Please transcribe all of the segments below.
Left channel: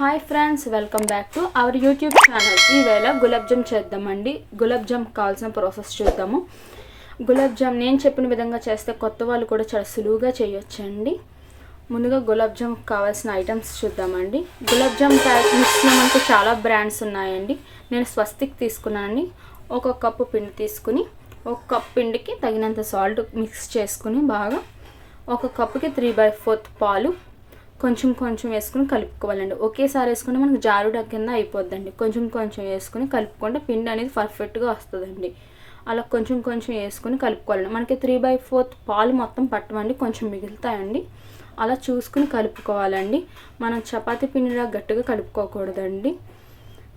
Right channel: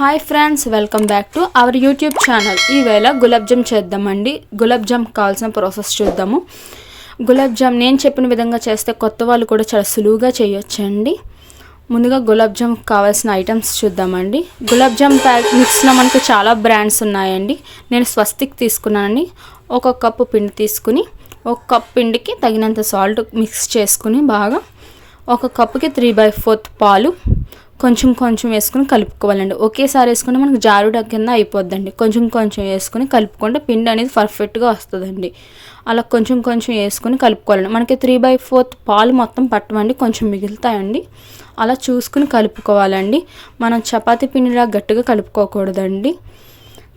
Hi friends welcome back to our YouTube channel ఈవేళ gulab jam చేద్దామండి. గులాబ్ జామ్ కావాల్సిన ప్రాసెస్ చూద్దాము. గులాబ్ జామ్ నేను చెప్పిన విధంగా చేస్తే కొత్త వాళ్ళు కూడా చాలా సులువుగా చేయొచ్చండి. ముందుగా గులాబ్ జామ్ కావాల్సిన ఐటమ్స్ చూద్దామండి. గులాబ్ జామ్ మిక్స్లో మనకు చాలా బ్రాండ్స్ ఉన్నాయండి. నేను స్వస్తిక్ తీసుకున్నానండి. ఒక కప్పు పిండి తీసుకుని ఒక కప్ పిండికి తగినంత సాల్ట్ మిక్స్ చేసుకుని బాగా ఒక కప్పుకి త్రీ బై ఫోర్త్ పాలు కొంచెం కొంచెం వేసుకుని కలుపుకోవాలండి. ఒకేసారి వేసుకుంటే మనకు జారుడ కింద అయిపోద్దండి. కొంచెం కొంచెం వేసుకుని కలుపుకుంటే పిండి అనేది పర్ఫెక్ట్గా వస్తుందండి. అలా కొంచెం కొంచెం వేసుకుని కలుపుకోవాలండి. మనకి త్రీ బై ఫోర్త్ పాలు మొత్తం పట్టమండి. కొంచెం మిగులుతాయండి. అలా చూసుకుని కలుపుకోవాలండి. మనం చపాతీ పిండిలా గట్టిగా కలుపుకోకూడదండి.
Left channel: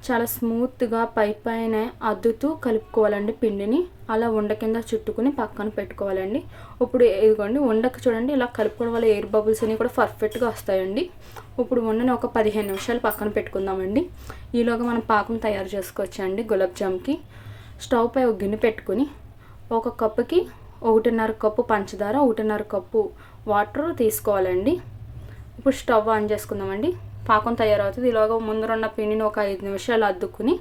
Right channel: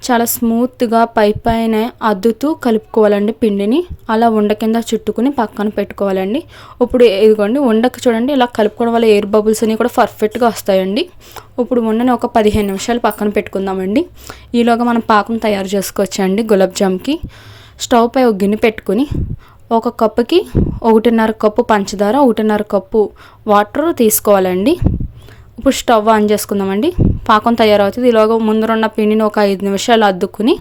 చాలా స్మూత్గా పై పైన అద్దుతూ కలుపుకోవాలండి పిండిని. అలా ఉండ కింద చుట్టుకుని పక్కన పెట్టుకోవాలండి. ఇప్పుడు ఇదిగోండి ఉండకు చూడండి ఇలా కలుపుకోవడం వల్ల ఎయిర్ బబుల్స్ అన్నీ కూడా పర్ఫెక్ట్గా వస్తాయండి. ఇప్పుడు ఉండని ఒక పదిహేను నిమిషాలు పక్కన పెట్టుకుందామండి. ఈలోగా మనం పాకం తయారు చేసుకోవచ్చండి గులాబ్ జామ్కి. స్టవ్ పై ఒక గిన్నె పెట్టుకుని ఒక కప్పుకి ఒకటిన్నర కప్పు పంచదార ఒకటిన్నర కప్పు వాటర్ తీసుకోవాలండి. ఇప్పుడు స్టవ్ ఆన్ చేసుకుందామండి. పాకం తయారవుతుంది. ఇలాగ ముందరున్న పిండిని ఒక ఐదు నిమిషాలు అద్దుకుని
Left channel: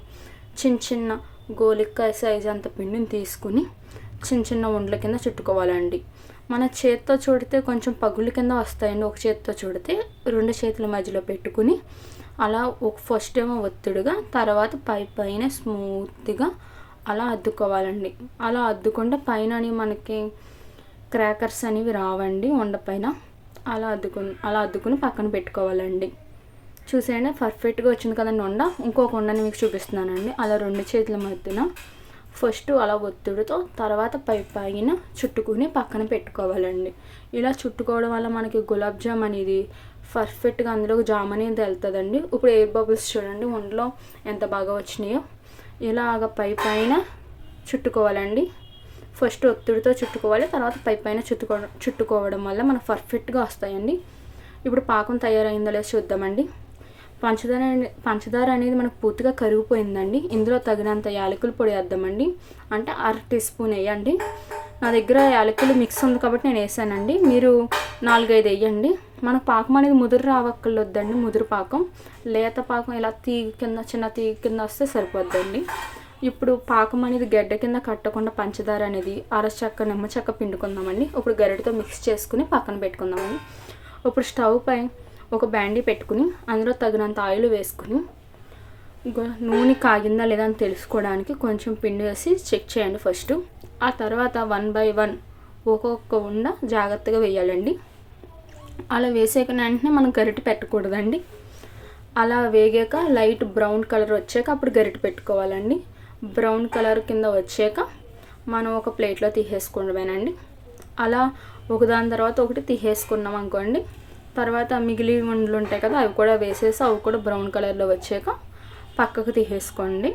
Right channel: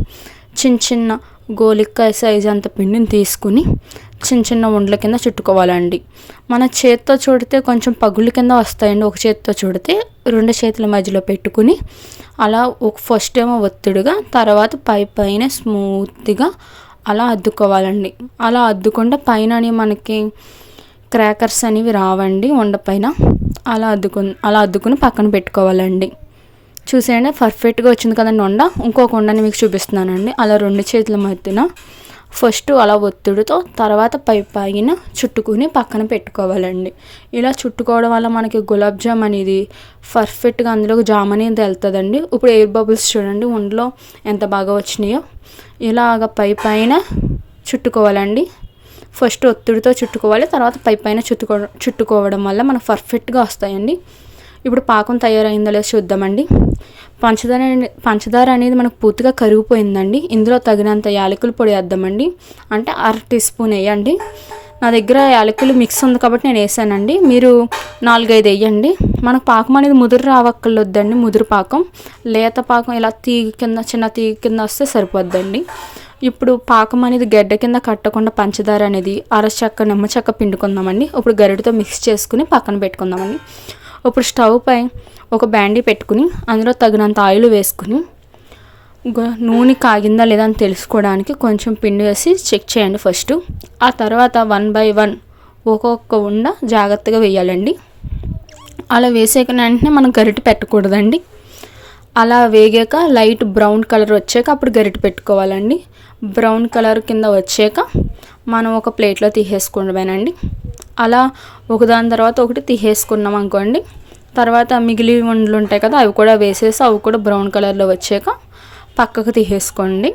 చిన్న చిన్న గోలిక్కాయ సైజ్ అంత పిండిని తీసుకుని చిన్న చిన్న ఉండల కింద చుట్టుకోవాలండి. మన చేత్తో చూడితే కొంచెం పగుళ్ళ కింద వస్తాయండి. ఒక చేత్తో చూడితే రెండు చేతుల మధ్యలో పెట్టుకుని అలా ఒక ఫస్ట్ ఏమో ఒత్తిడిగా తర్వాత పై పైన స్మూత్గా అలా అద్దుకోవాలండి. అలా అద్దుకుంటే పైన మనకి క్రాకర్స్ అనేవి రావండి. వండపైన అలా అద్దుకు అలా అద్దుకుని పక్కన పెట్టుకోవాలండి. చూసేయండి. పర్ఫెక్ట్గా వచ్చింది కదండి ఉండ ఇంకొక ఉండని మీకు చూపిస్తున్నానండి. అలా రెండు చేతుల మధ్యన ఫస్ట్ అలా ఒత్తిడితో తర్వాత పై పైన చుట్టుకుని పక్కన పెట్టుకోవాలండి. ఇలా చుట్టుకోవడం వల్ల మనకి గులాబ్ జామ్ అనేది పర్ఫెక్ట్గా అందులో జామ్ అనేది వెళ్తుందండి ఇప్పుడు ఎయిర్ బబుల్స్ చూడండి ఒంట్లో ఎంత బాగా వచ్చినాయో. ఇలాగ పై పైన చుట్టుకోవాలండి. ఫస్ట్ ఒత్తిడితో చుట్టుకోవాలి. తర్వాత పై పైన చుట్టుకో చుట్టుకోవడం వల్ల మనకు పర్ఫెక్ట్గా వస్తాయండి. ఇప్పుడు పాకం తయారైందో లేదో చూద్దామండి. పంచదార పంచదార అనేది మనకు పూర్తిగా కరిగిపోయిందండి. ఇందులో తగినంత యాలకుల పొడి వేద్దామండి. అంటే అర టీ స్పూన్ వేయండి. నా దగ్గర యాలకులు మిక్స్ ఉంది కాబట్టి నేను వేసానండి. మీరు నాలుగైదు వేయండి. మనకు పాకం అనేది ముదురు రావక్కర్లొద్దండి ముదురు పాకం. లేత పాకం ఇలా తీగ కింద చిన్న తీగ కింద వస్తే సరిపోద్దండి. ఇప్పుడు పాకం అనేది గడ్డ కింద కట్టకుండా పంచదార అనేది అర చెక్క నిమ్మ చెక్క పిండుకుందామండి. ఇప్పుడు గరిటతో మిక్స్ చేసుకుని పక్కన పెట్టుకుందామండి. ఇప్పుడు స్టవ్ పై ఒక బ్యాండీ పెట్టుకుని అందులో తగినంత ఆయిల్ వేసుకుని నూనె కాగిందా లేదా అని తెలుసుకోవడానికి కొంచెం పిండి వేసి చెక్ చేయండి ఫస్ట్. ఆ తర్వాత వన్ బై వన్ ఒక్కొక్క ఉండ జాగ్రత్తగా వేయాలండి. అలా వేసాక వెంటనే మనం గరిటె పెట్టకూడదండి. అలా వేగాక లైట్ బ్రౌన్ కలర్ వచ్చాక అప్పుడు గరిటె పెట్టుకోవాలండి. బ్రౌన్ కలర్ కింద వచ్చాక మనం ఒక ప్లేట్లో తీసేసుకోవడమేనండి. అలా ఒకదాని తర్వాత ఒకటి తీసేసుకున్నాం అనుకోండి. తర్వాత మిగిలి వండలు ఉంటాయి కదా అవి కూడా వేసేసి అవి కూడా బ్రౌన్ కలర్లో వచ్చాక పక్కకు తీసేసుకోండి.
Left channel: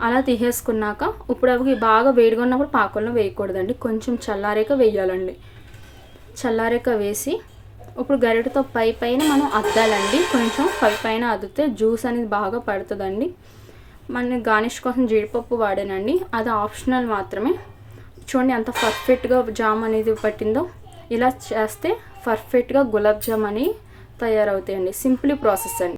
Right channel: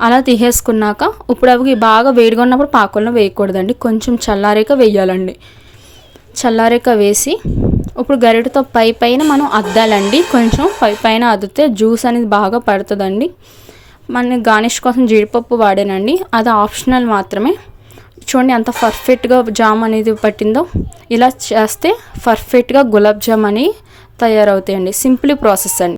అలా తీసేసుకున్నాక ఇప్పుడు అవి బాగా వేడిగా ఉన్నప్పుడు పాకంలో వేయకూడదండి. కొంచెం చల్లారేక వేయాలండి. చల్లారేక వేసి ఇప్పుడు గరిటతో పై పైన మనం అద్దాలండి. కొంచెం పై పైన అద్దితే జ్యూస్ అనేది బాగా పడుతుందండి. మన గార్నిష్ కోసం జీడిపప్పు వాడానండి. అది ఆప్షనల్ మాత్రమే. చూడండి ఎంత పర్ఫెక్ట్గా జామ్ అనేది పట్టిందో. ఇలా చేస్తే పర్ఫెక్ట్గా గులాబ్ జామ్ అని తయారవుతాయండి. సింపుల్ ప్రాసెస్ అండి.